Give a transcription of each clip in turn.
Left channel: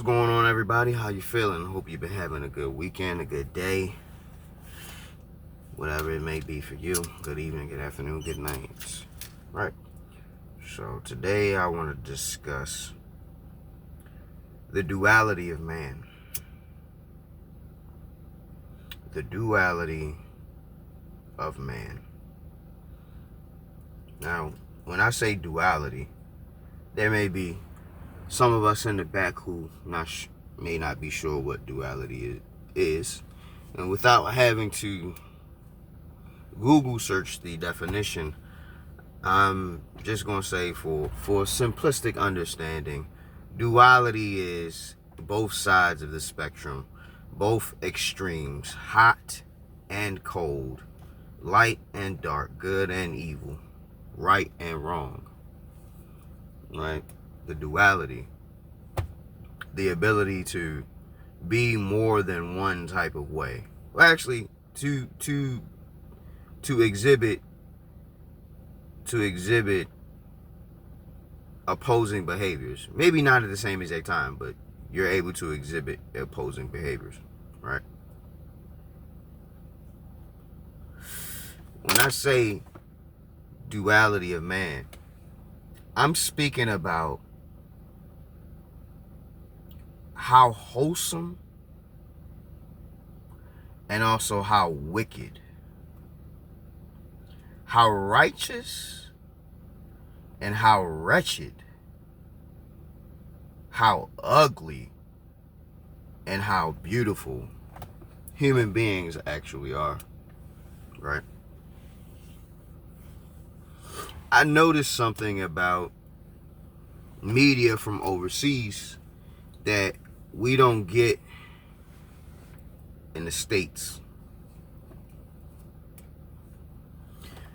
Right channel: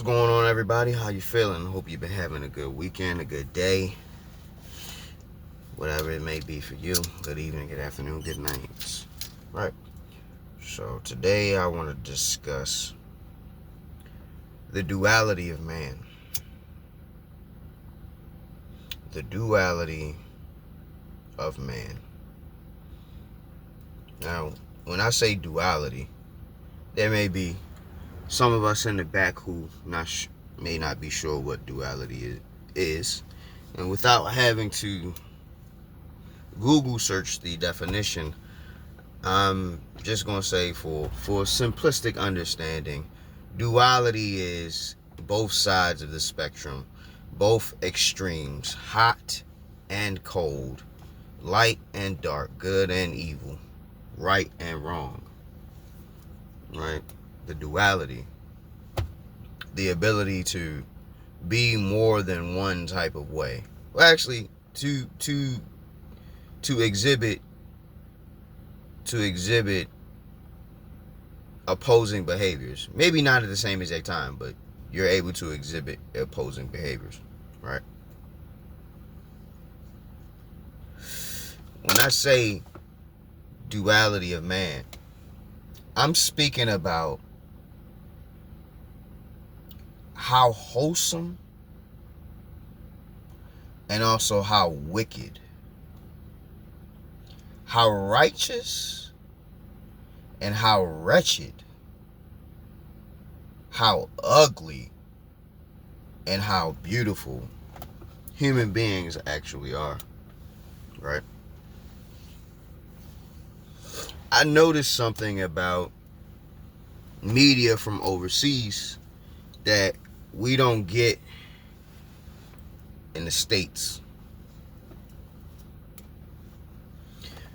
What's going on, everybody? How you feeling? Hope you've been having a good weekend, a good day, whatever it may be for you. Good evening, good afternoon, good night. Right. So today I want to discuss the duality of man. The duality of man. Now, when I say duality, there may be some of us in the back who may not be sure what duality is. And without having to Google search the definition, I'm just going to say for simplistic understanding, duality is both sides of the spectrum, both extremes, hot and cold, light and dark, good and evil, right and wrong, right? The duality, the ability to be more than one type of way. Well, actually, to exhibit opposing behaviors. Maybe not at the same exact time, but you're able to exhibit opposing behaviors, right? When I say duality of man, I'm speaking about how wholesome and also how wicked, how righteous and how wretched, how ugly and how beautiful human beings actually are, right? I noticed something about media from overseas that we don't get in the States.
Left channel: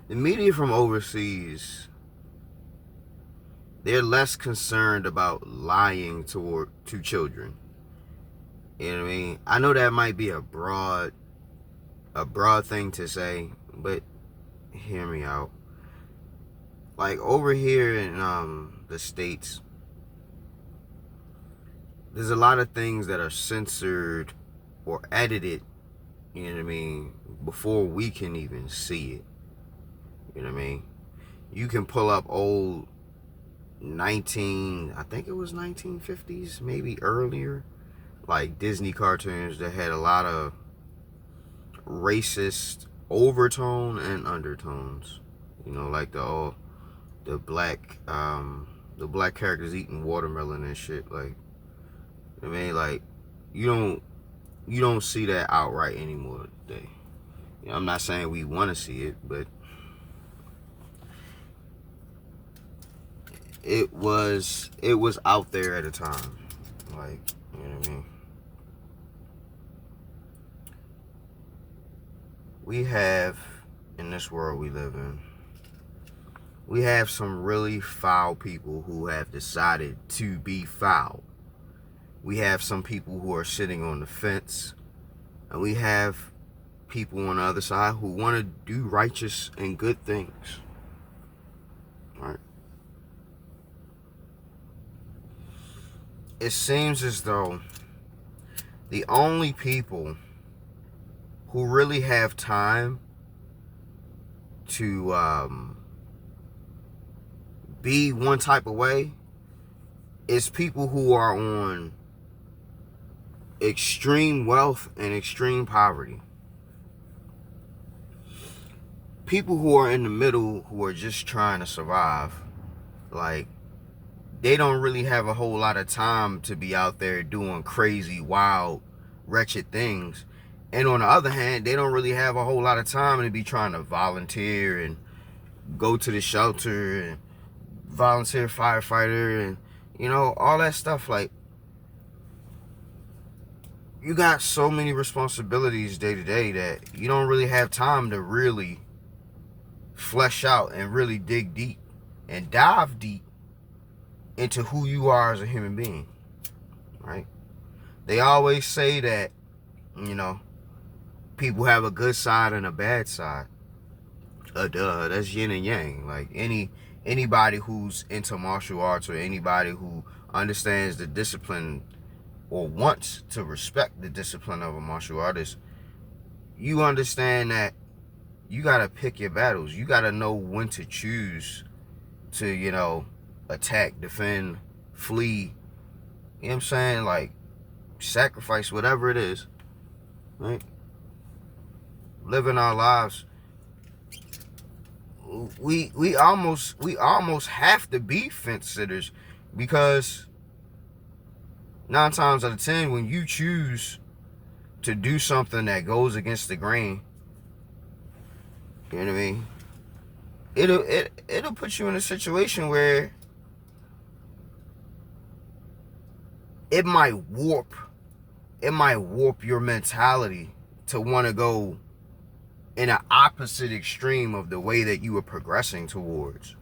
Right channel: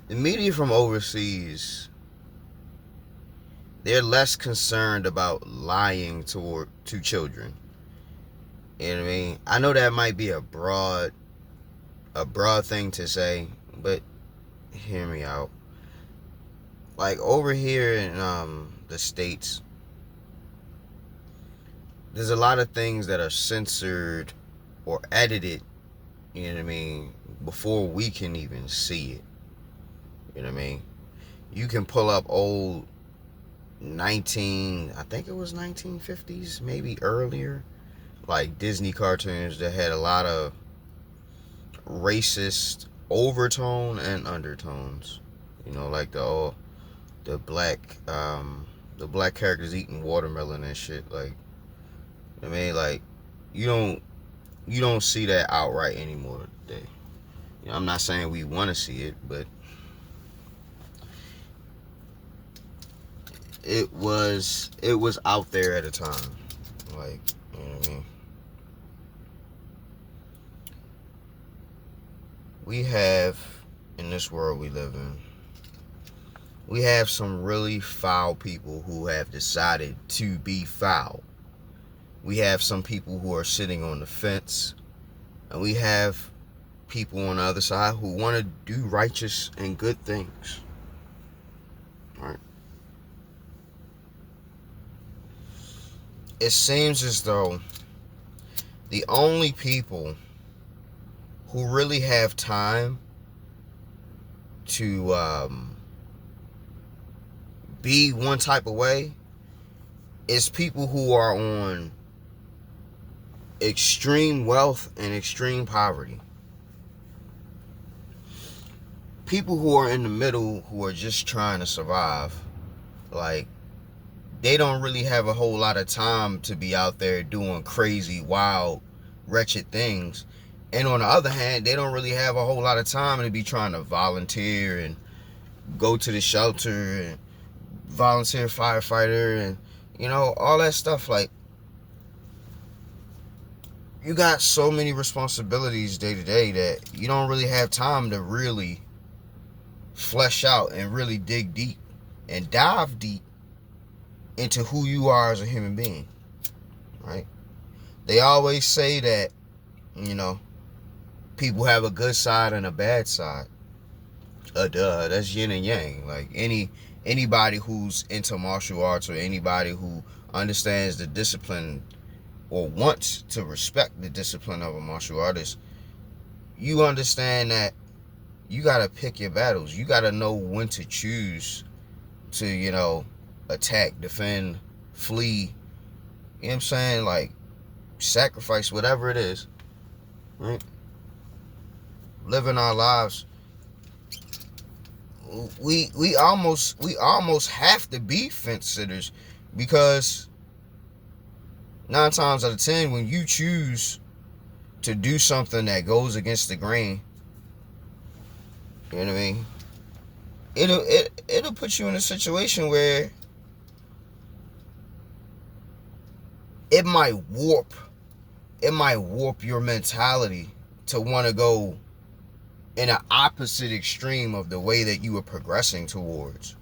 The media from overseas, they're less concerned about lying to children. You know what I mean? I know that might be a broad thing to say, but hear me out. Like over here in the States, there's a lot of things that are censored or edited, you know what I mean, before we can even see it. You know what I mean? You can pull up old I think it was 1950s, maybe earlier, like Disney cartoons that had a lot of racist overtone and undertones. You know, like the black characters eating watermelon and shit. Like, I mean, like you don't see that outright anymore today. You know, I'm not saying we want to see it, but it was out there at a time. Like, you know what I mean? We have, in this world we live in, we have some really foul people who have decided to be foul. We have some people who are sitting on the fence, and we have people on the other side who want to do righteous and good things. Right? It seems as though the only people who really have time to be one type of way is people who are on extreme wealth and extreme poverty. People who are in the middle, who are just trying to survive, like, they don't really have a whole lot of time to be out there doing crazy, wild, wretched things. And on the other hand, they don't really have a whole lot of time to be trying to volunteer and go to the shelter and volunteer firefighter and, you know, all that stuff. Like, you got so many responsibilities day to day that you don't really have time to really flesh out and really dig deep and dive deep into who you are as a human being, right? They always say that, you know, people have a good side and a bad side. That's yin and yang. Like, anybody who's into martial arts or anybody who understands the discipline or wants to respect the discipline of a martial artist, you understand that you got to pick your battles. You got to know when to choose to, attack, defend, flee. You know what I'm saying? Like, sacrifice, whatever it is, right? Living our lives, we almost have to be fence sitters, because 9 times out of 10, when you choose to do something that goes against the grain, you know what I mean? It'll put you in a situation where it might warp your mentality to want to go in an opposite extreme of the way that you were progressing towards.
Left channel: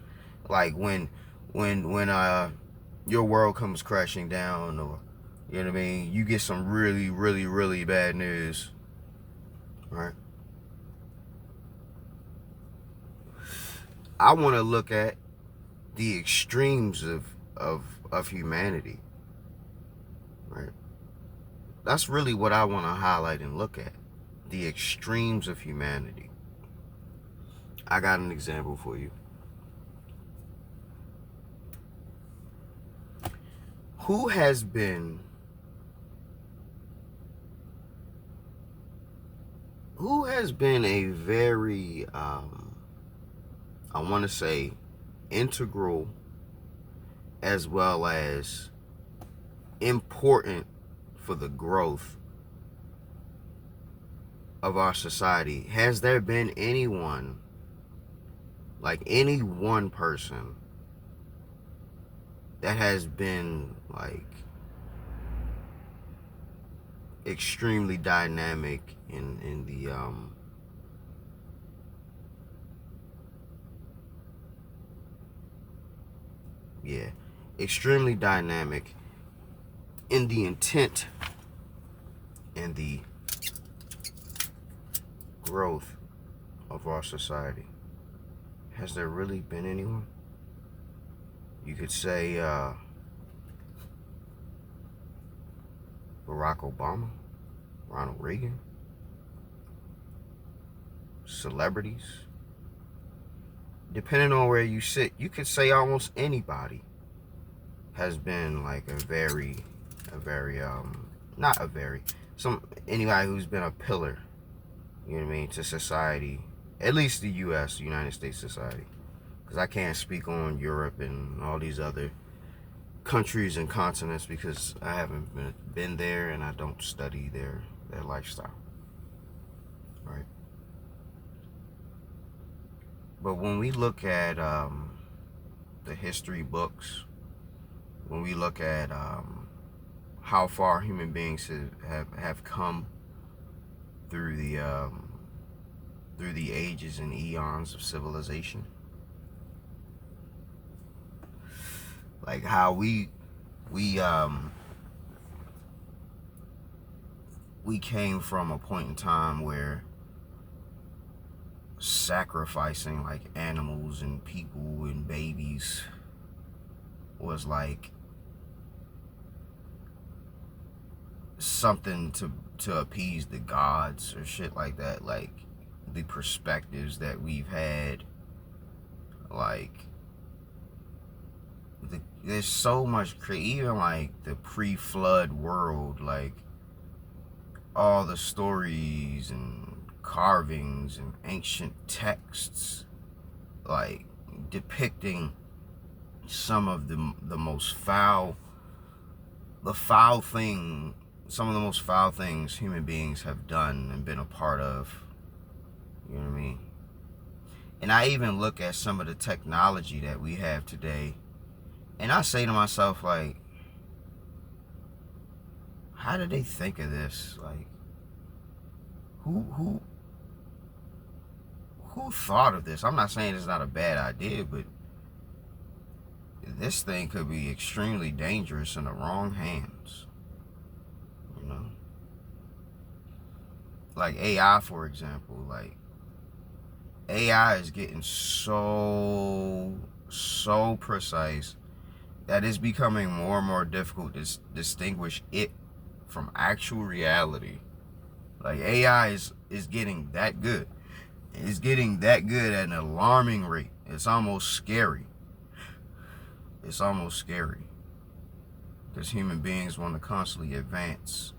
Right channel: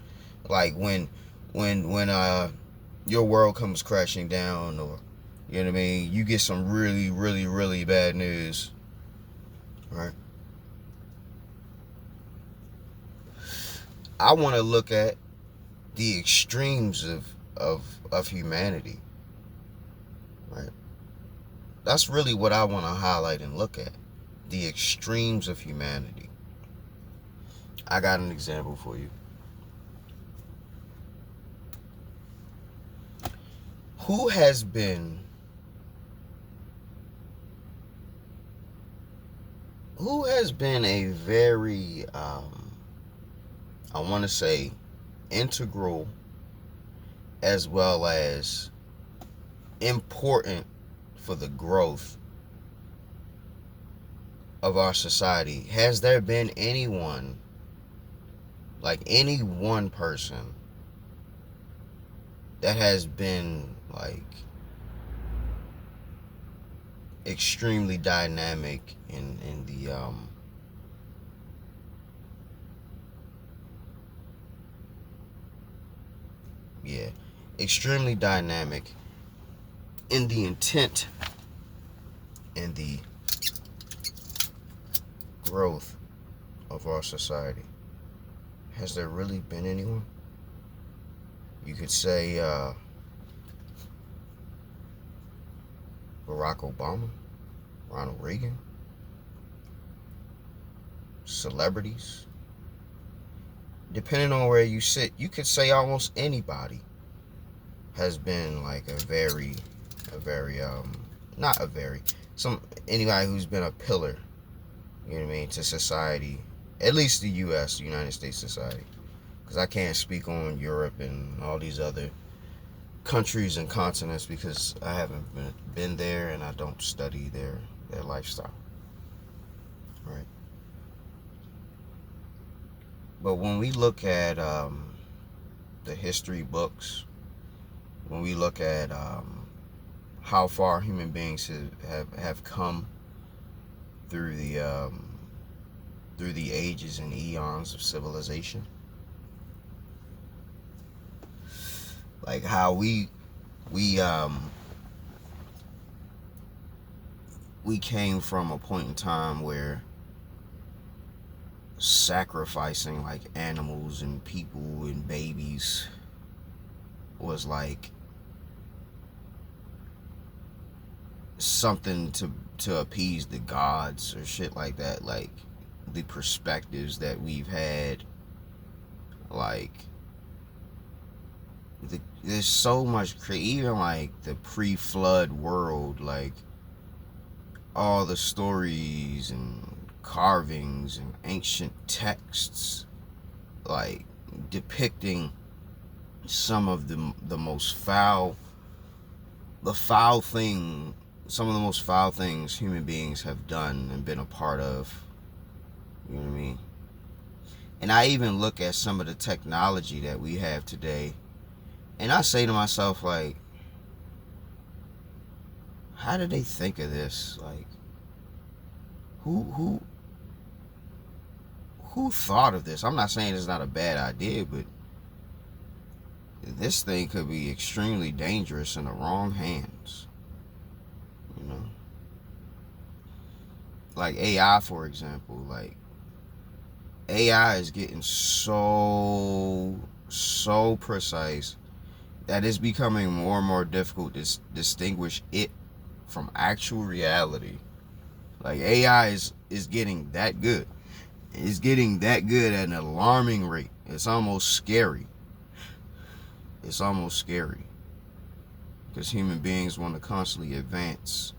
Like when your world comes crashing down, or you know what I mean, you get some really, really, really bad news, right? I want to look at the extremes of humanity, right? That's really what I want to highlight and look at, the extremes of humanity. I got an example for you. Who has been a very, I want to say, integral as well as important for the growth of our society? Has there been anyone, like any one person, that has been like extremely dynamic in the extremely dynamic in the intent and the growth of our society? Has there really been anyone? You could say Barack Obama, Ronald Reagan, celebrities. Depending on where you sit, you could say almost anybody has been like anybody who's been a pillar, you know what I mean, to society, at least the U.S., United States society. Because I can't speak on Europe and all these other countries and continents, because I haven't been there and I don't study their lifestyle, right? But when we look at the history books, when we look at how far human beings have come through the ages and eons of civilization, like how we came from a point in time where sacrificing like animals and people and babies was like something to appease the gods or shit like that. Like the perspectives that we've had, like there's so much, even like the pre-flood world, like all the stories and carvings and ancient texts, like depicting some of the most foul things human beings have done and been a part of. You know what I mean? And I even look at some of the technology that we have today, and I say to myself, like, how did they think of this? Like, who thought of this? I'm not saying it's not a bad idea, but this thing could be extremely dangerous in the wrong hands. You know? Like AI, for example. Like, AI is getting so precise that it's becoming more and more difficult to distinguish it from actual reality. Like, AI is getting that good. It's getting that good at an alarming rate. It's almost scary. It's almost scary. Because human beings want to constantly advance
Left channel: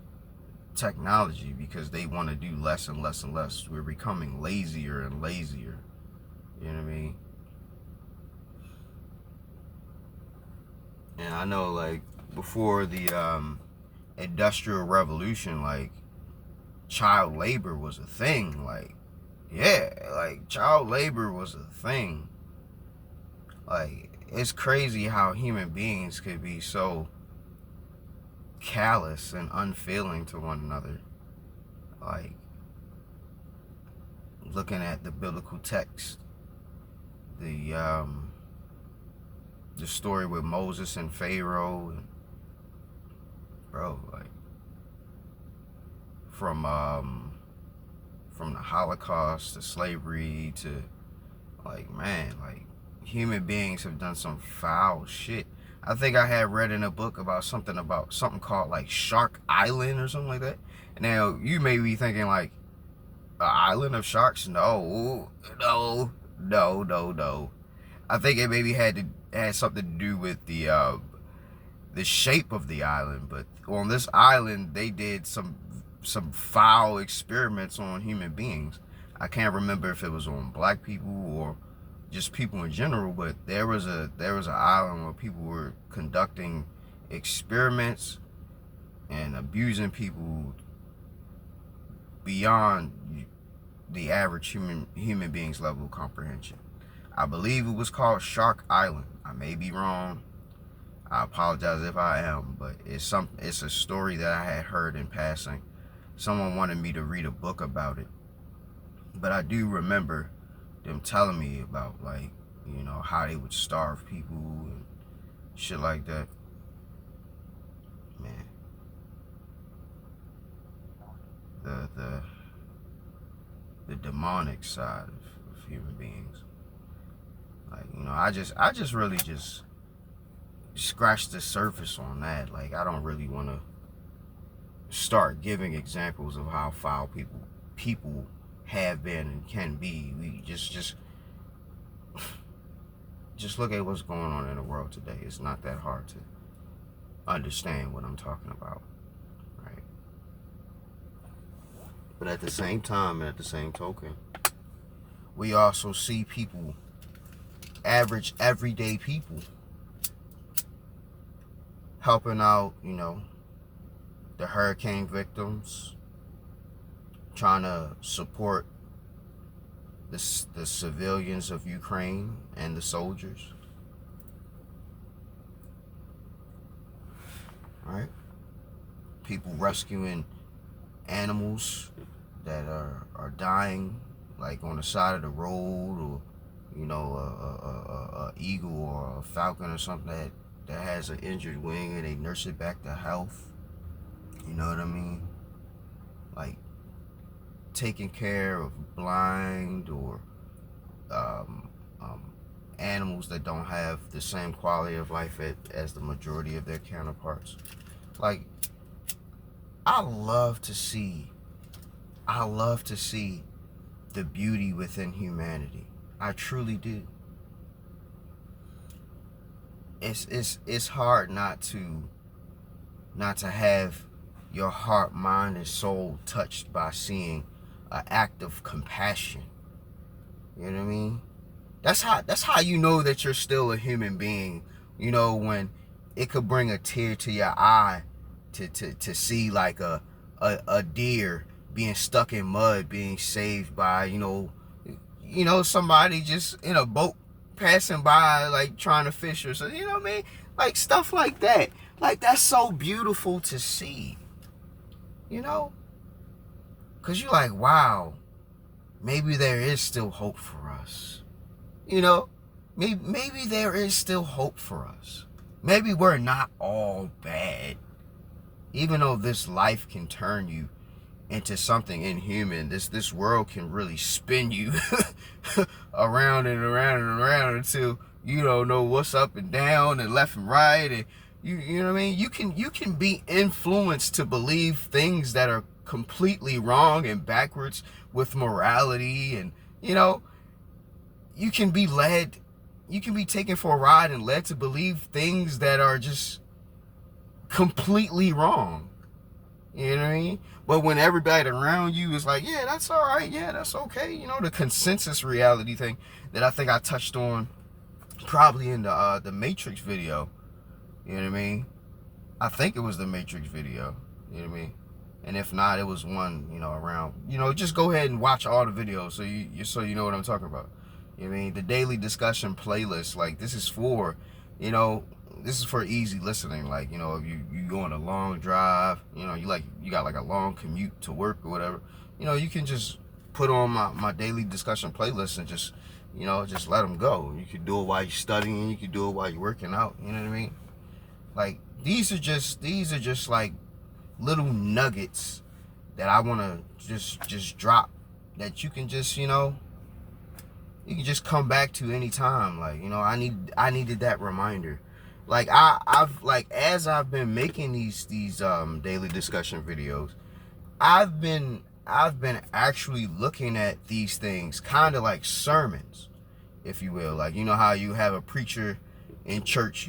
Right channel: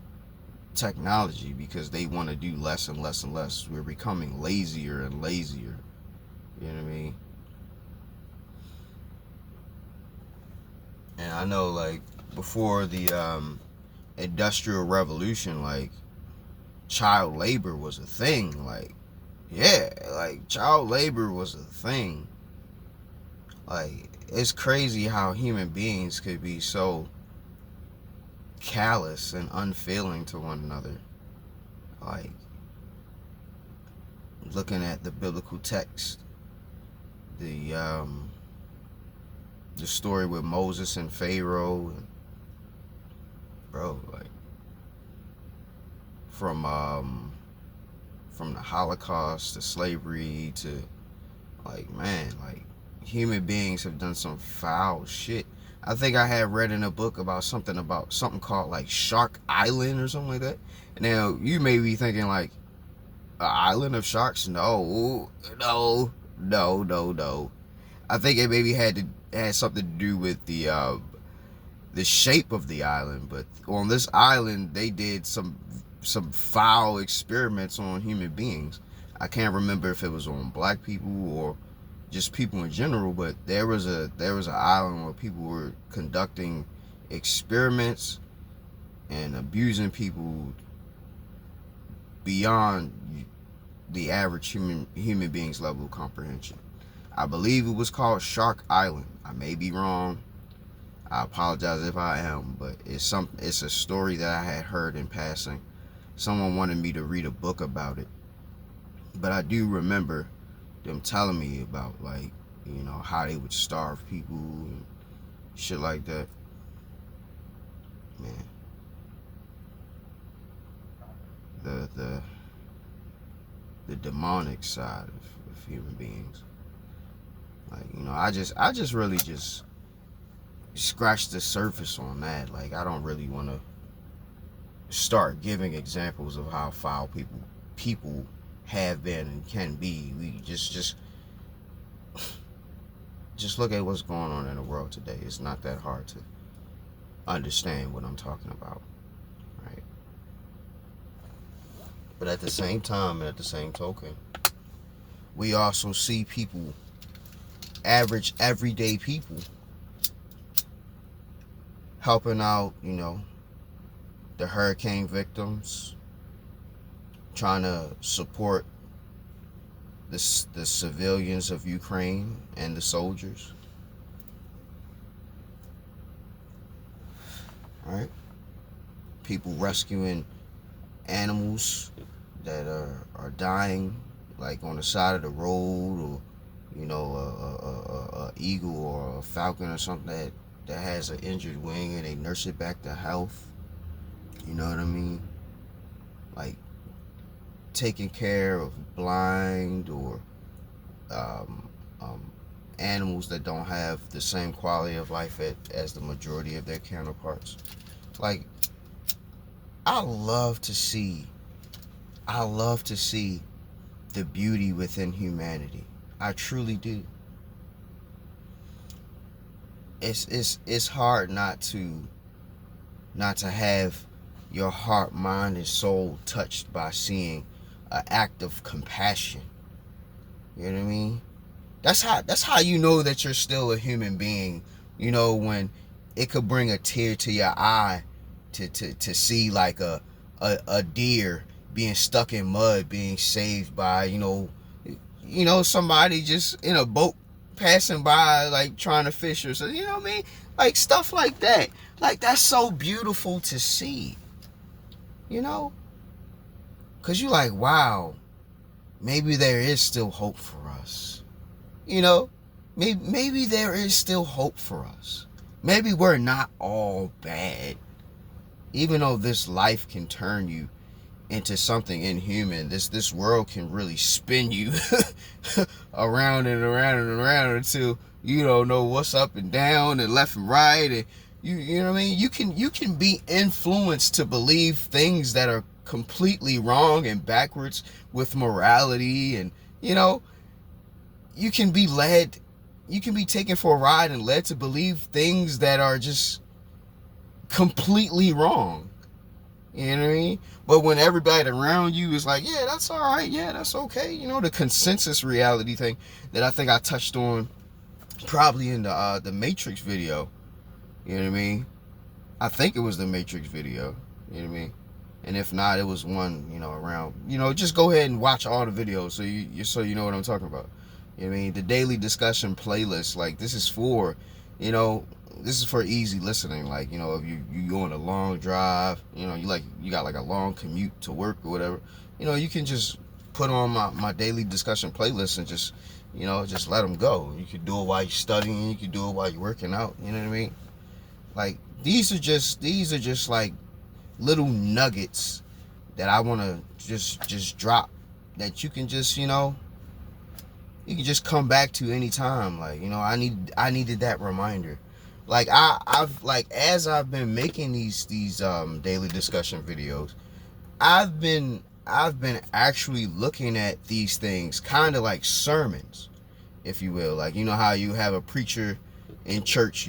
technology because they want to do less and less and less. We're becoming lazier and lazier. You know what I mean? And I know, like, before the Industrial Revolution, like, child labor was a thing. Like, yeah, like, child labor was a thing. Like, it's crazy how human beings could be so callous and unfeeling to one another. Like, looking at the biblical text, the story with Moses and Pharaoh, and, bro, like, from the Holocaust to slavery to, like, man, like, human beings have done some foul shit. I think I had read in a book about something called, like, Shark Island or something like that. Now, you may be thinking, like, an island of sharks? No. I think it maybe had something to do with the shape of the island. But on this island, they did some foul experiments on human beings. I can't remember if it was on black people or just people in general, but there was an island where people were conducting experiments and abusing people beyond the average human being's level of comprehension. I believe it was called Shark Island. I may be wrong. I apologize if I am, but it's a story that I had heard in passing. Someone wanted me to read a book about it, but I do remember them telling me about, like, you know, how they would starve people and shit like that. Man, the demonic side of human beings. Like, you know, I just really just scratch the surface on that. Like, I don't really want to start giving examples of how foul people have been and can be. We just look at what's going on in the world today. It's not that hard to understand what I'm talking about, right? But at the same time, and at the same token, we also see people, average, everyday people, helping out, you know, the hurricane victims, trying to support the civilians of Ukraine and the soldiers. Right? People rescuing animals that are dying, like on the side of the road, or, you know, a eagle or a falcon or something that has an injured wing, and they nurse it back to health. You know what I mean? Like, taking care of blind or animals that don't have the same quality of life as the majority of their counterparts. Like, I love to see the beauty within humanity. I truly do. It's hard not to have your heart, mind, and soul touched by seeing an act of compassion. You know what I mean? That's how you know that you're still a human being. You know, when it could bring a tear to your eye to see, like, a deer being stuck in mud, being saved by, you know, somebody just in a boat passing by, like, trying to fish or something. You know what I mean? Like, stuff like that. Like, that's so beautiful to see. You know? Because you're like, wow, maybe there is still hope for us. You know? Maybe there is still hope for us. Maybe we're not all bad. Even though this life can turn you into something inhuman, this world can really spin you around and around and around until you don't know what's up and down and left and right, and You know what I mean? You can be influenced to believe things that are completely wrong and backwards with morality, and you can be led, you can be taken for a ride and led to believe things that are just completely wrong. You know what I mean? But when everybody around you is like, yeah, that's all right, yeah, that's okay, the consensus reality thing that I think I touched on probably in the Matrix video. You know what I mean? I think it was the Matrix video. You know what I mean? And if not, it was one, around. Just go ahead and watch all the videos so you know what I'm talking about. You know what I mean? The daily discussion playlist, like this is for, this is for easy listening. Like, if you go on a long drive, you got like a long commute to work or whatever, you can just put on my daily discussion playlist and just let them go. You could do it while you're studying, you could do it while you're working out, you know what I mean? Like these are just like little nuggets that I want to just drop, that you can just you can just come back to anytime. Like, I needed that reminder. Like I've like, as I've been making these daily discussion videos, I've been actually looking at these things kind of like sermons, if you will. Like, how you have a preacher in church,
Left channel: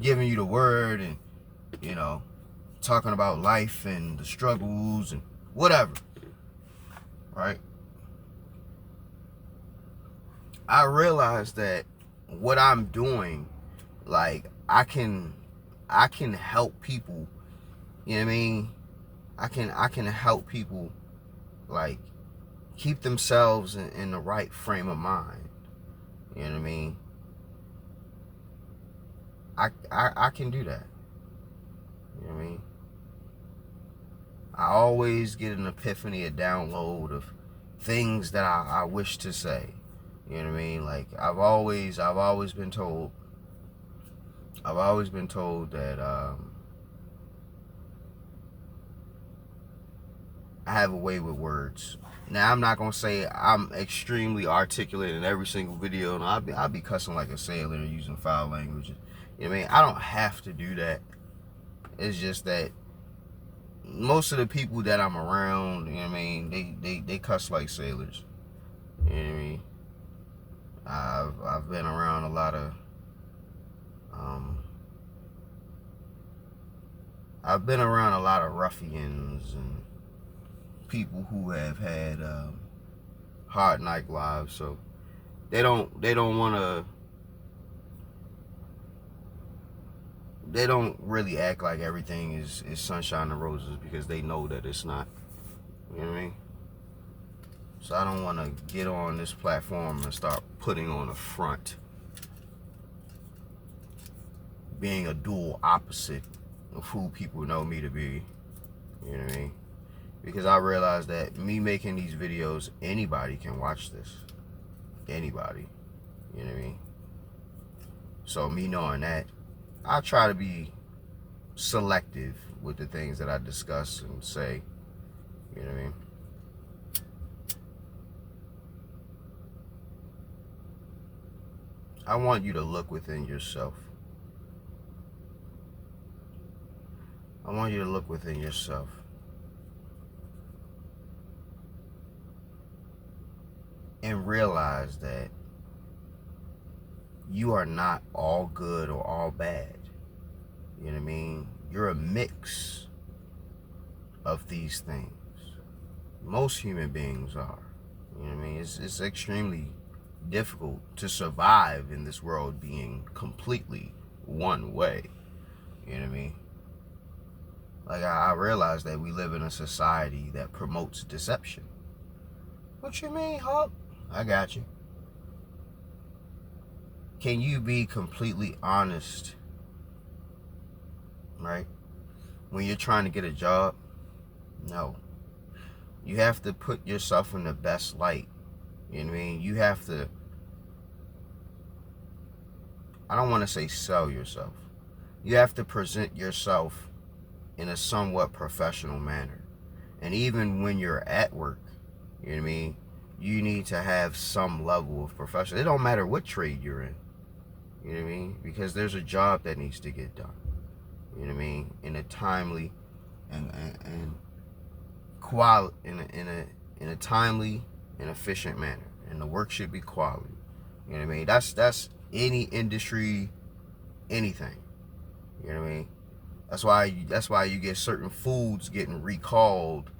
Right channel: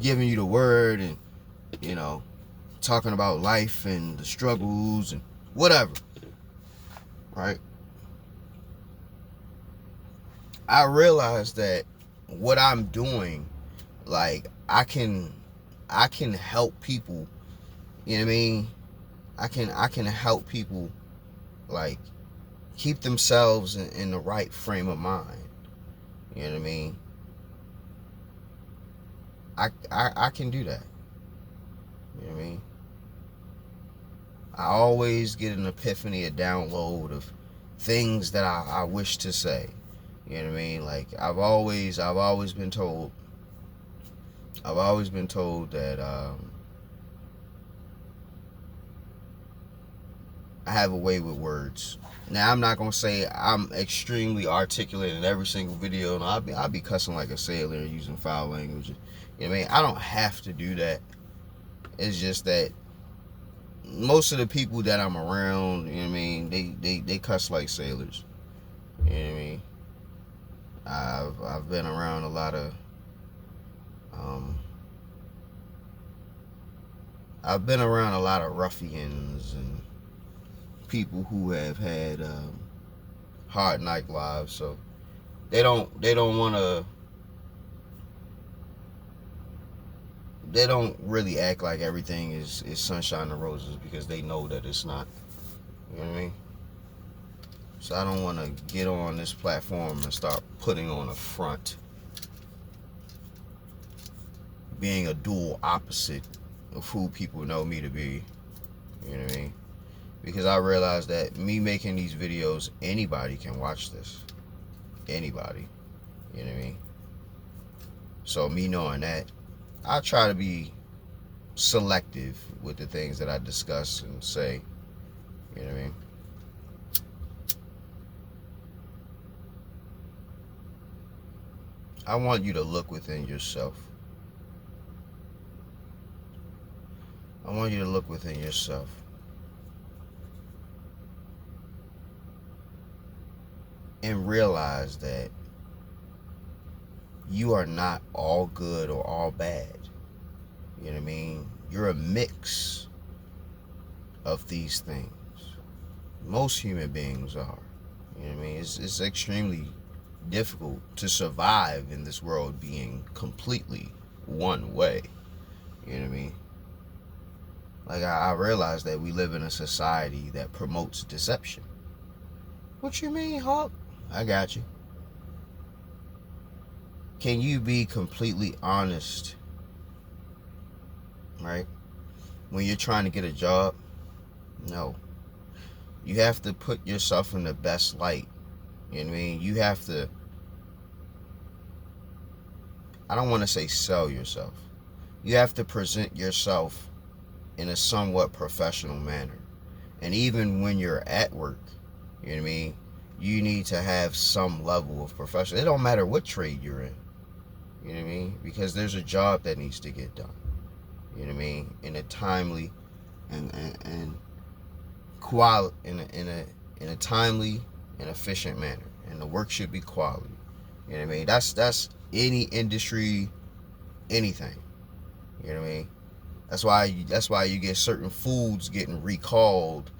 giving you the word and talking about life and the struggles and whatever, right? I realized that what I'm doing, like, I can help people, you know what I mean? I can help people, like, keep themselves in the right frame of mind. You know what I mean? I can do that. You know what I mean? I always get an epiphany, a download of things that I wish to say. You know what I mean? Like, I've always been told that I have a way with words. Now, I'm not gonna say I'm extremely articulate in every single video, and I'll be cussing like a sailor using foul language. You know what I mean? I don't have to do that. It's just that most of the people that I'm around, you know what I mean, they cuss like sailors. You know what I mean? I've been around a lot of ruffians and people who have had hard night lives, so they don't really act like everything is sunshine and roses, because they know that it's not. You know what I mean? So I don't want to get on this platform and start putting on a front, being a dual opposite of who people know me to be. You know what I mean? Because I realize that me making these videos, anybody can watch this. Anybody. You know what I mean? So me knowing that, I try to be selective with the things that I discuss and say. You know what I mean? I want you to look within yourself. I want you to look within yourself. And realize that you are not all good or all bad. You know what I mean? You're a mix of these things. Most human beings are. You know what I mean? It's extremely difficult to survive in this world being completely one way. You know what I mean? Like, I realize that we live in a society that promotes deception. What you mean, Hawk? I got you. Can you be completely honest, right? When you're trying to get a job? No. You have to put yourself in the best light. You know what I mean? You have to, I don't want to say sell yourself. You have to present yourself in a somewhat professional manner. And even when you're at work, you know what I mean, you need to have some level of professional. It don't matter what trade you're in. You know what I mean? Because there's a job that needs to get done. You know what I mean? In a timely and quality in a timely and efficient manner. And the work should be quality. You know what I mean? That's any industry, anything. You know what I mean? That's why you get certain foods getting recalled.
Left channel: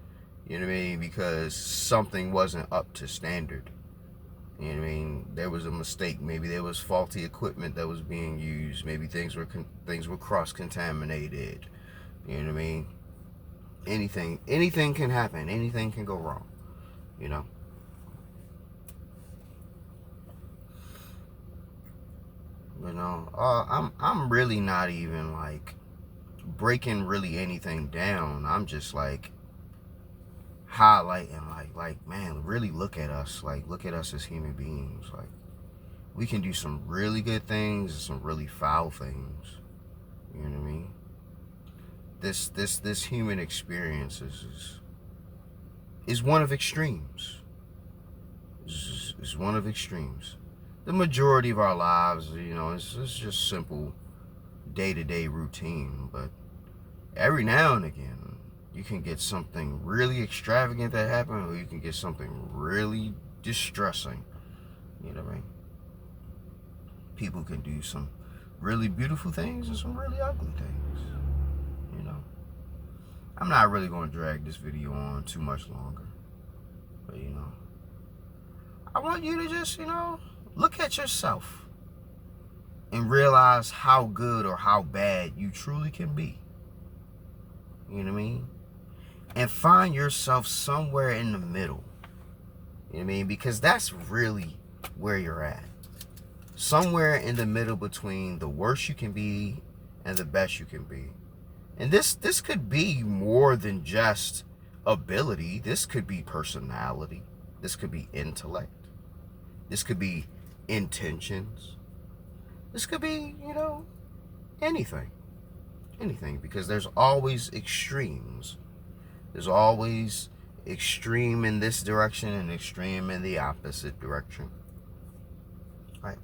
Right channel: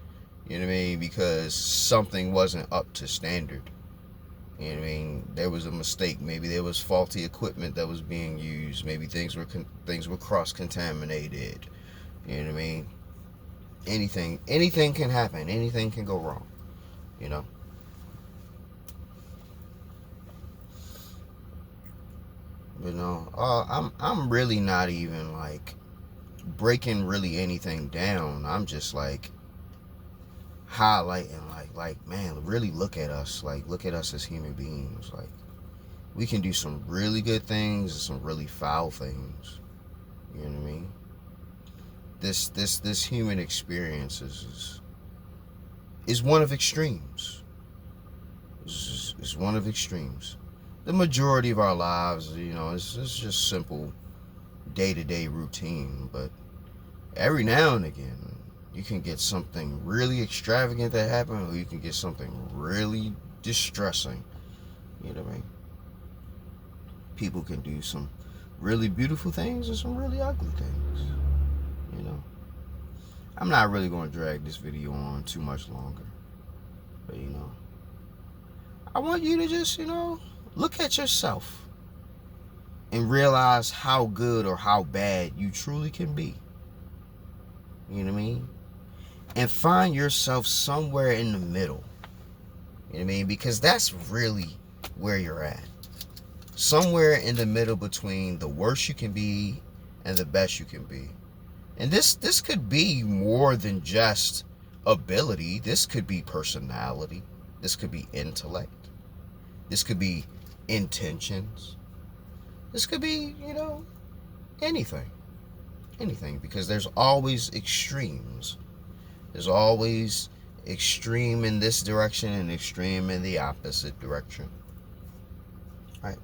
You know what I mean? Because something wasn't up to standard. You know what I mean? There was a mistake. Maybe there was faulty equipment that was being used. Maybe things were cross-contaminated. You know what I mean? Anything can happen. Anything can go wrong. You know. But no, I'm really not even like breaking really anything down. I'm just like highlighting like man, really look at us. Like look at us as human beings. Like we can do some really good things and some really foul things. You know what I mean? This human experience is one of extremes. Is one of extremes. The majority of our lives, you know, it's just simple day-to-day routine, but every now and again you can get something really extravagant that happens, or you can get something really distressing. You know what I mean? People can do some really beautiful things and some really ugly things. You know, I'm not really going to drag this video on too much longer, but you know, I want you to just, you know, look at yourself and realize how good or how bad you truly can be. You know what I mean? And find yourself somewhere in the middle. You know what I mean? Because that's really where you're at. Somewhere in the middle between the worst you can be and the best you can be. And this could be more than just ability. This could be personality. This could be intellect. This could be intentions. This could be, you know, anything. Anything. Because there's always extremes. There's always extreme in this direction and extreme in the opposite direction. Right?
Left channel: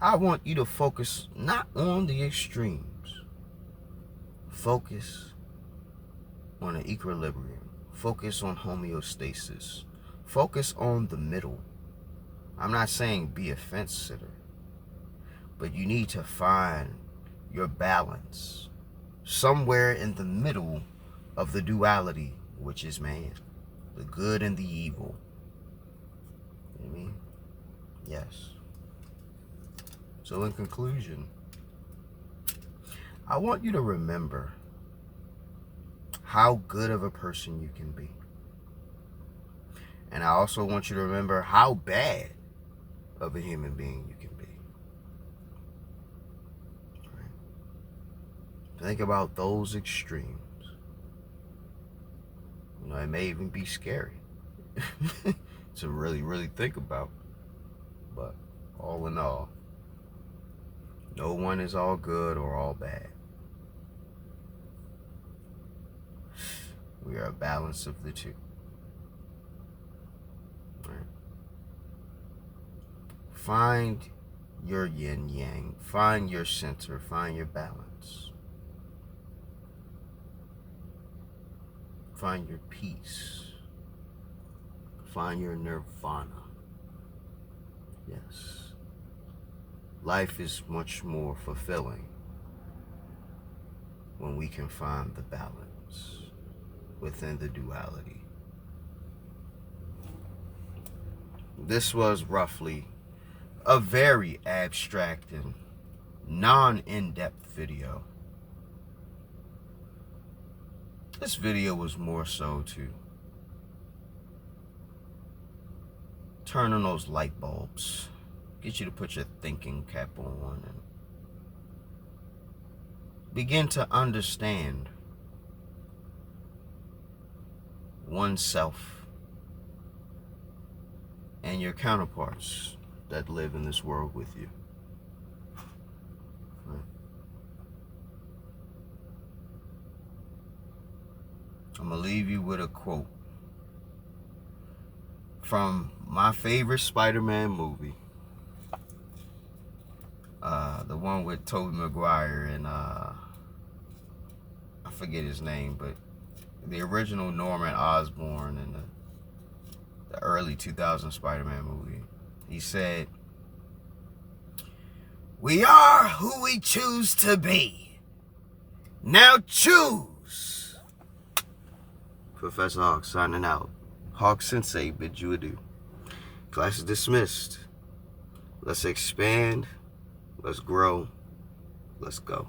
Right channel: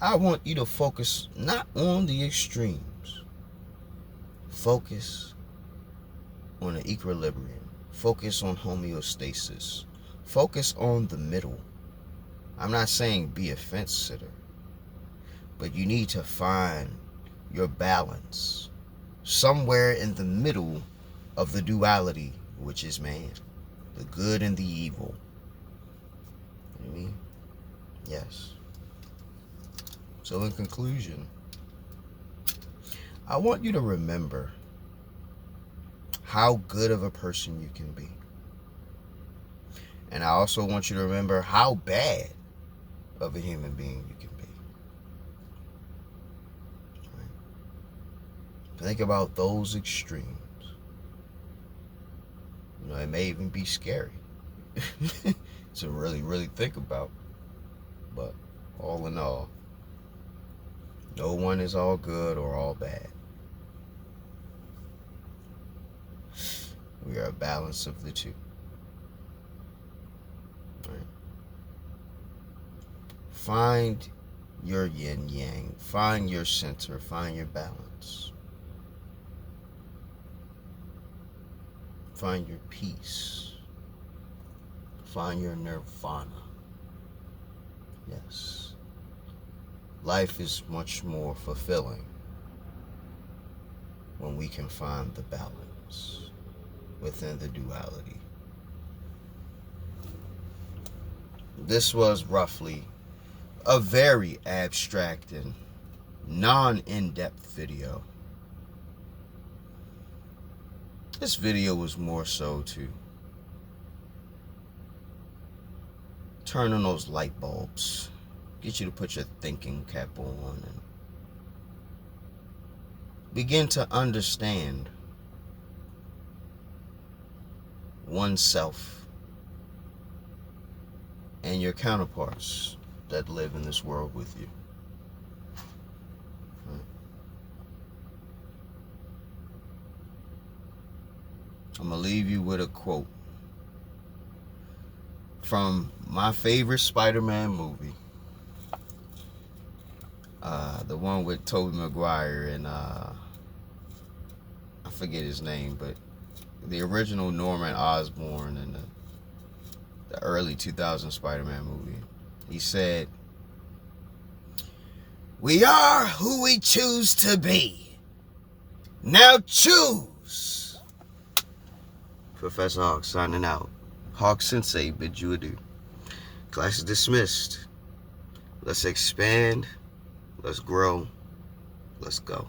I want you to focus not on the extremes. Focus on an equilibrium. Focus on homeostasis. Focus on the middle. I'm not saying be a fence sitter, but you need to find your balance somewhere in the middle of the duality, which is man, the good and the evil. You know what I mean? Yes. So in conclusion, I want you to remember how good of a person you can be. And I also want you to remember how bad of a human being you can be. Right? Think about those extremes. You know, it may even be scary to really think about. But all in all, no one is all good or all bad. We are a balance of the two. Right? Find your yin yang. Find your center. Find your balance. Find your peace. Find your nirvana. Yes. Life is much more fulfilling when we can find the balance within the duality. This was roughly a very abstract and non-in-depth video. This video was more so to turn on those light bulbs, get you to put your thinking cap on and begin to understand oneself and your counterparts that live in this world with you. Right? I'm going to leave you with a quote from my favorite Spider-Man movie. The one with Tobey Maguire and I forget his name, but the original Norman Osborn in the early 2000 Spider-Man movie. He said, "We are who we choose to be. Now choose." Professor Hawk signing out. Hawk Sensei bid you adieu. Class is dismissed. Let's expand. Let's grow. Let's go.